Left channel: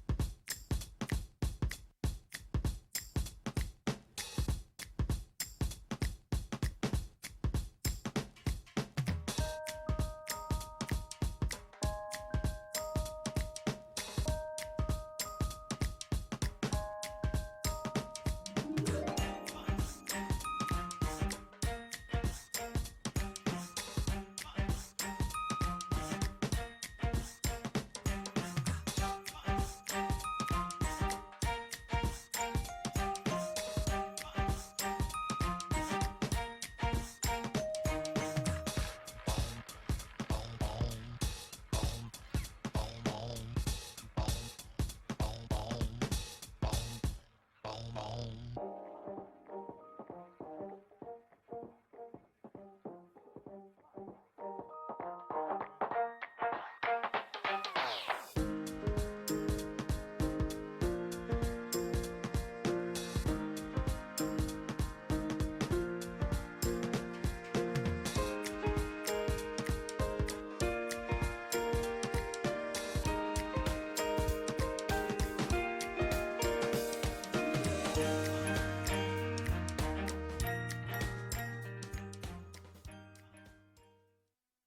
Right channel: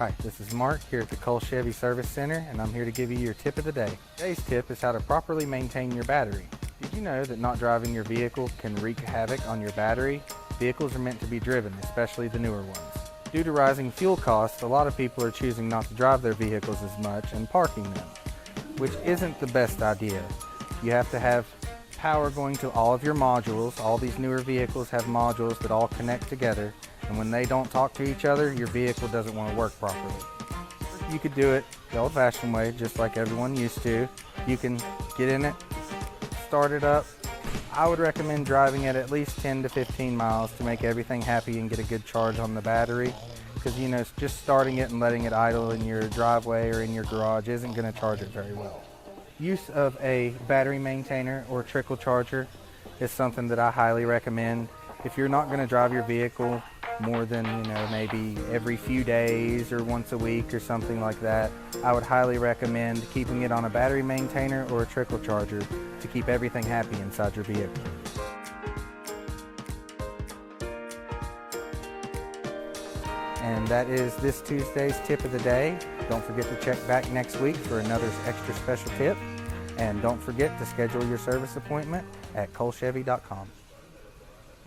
Hi, this is Mark here at the Cole Chevy Service Center, and I'm here to give you your tip of the day. Today's tip is how to properly maintain your battery. Did you know that not driving your vehicle can wreak havoc on your battery? Vehicles are meant to be driven, especially the newer ones. Due to rising fuel costs, a lot of people are choosing not to drive their vehicles as much and parking them, which isn't the best idea. You have to have power going to all of your modules. All these newer vehicles have modules that all connect together, and when they don't talk to each other, your vehicle doesn't want to work properly. You could do it the old-fashioned way, just like everyone used to. You can get in it, start it up. I would recommend driving it at least 10 to 15 miles to make everything happy and get a good charge on the battery, because just starting it and letting it idle in your driveway or in your garage isn't going to charge it very well. Use of a battery maintainer or trickle charger is something that I highly recommend. If you're not going to drive your vehicle more than maybe every few days or once a week or something like that, I would highly recommend keeping it on a battery maintainer or a trickle charger to keep everything happy inside your vehicle. And that is this Tuesday's tip of the day. Don't forget to check back next week for another extra special tip. And don't forget to schedule your service appointment at colechevy.com.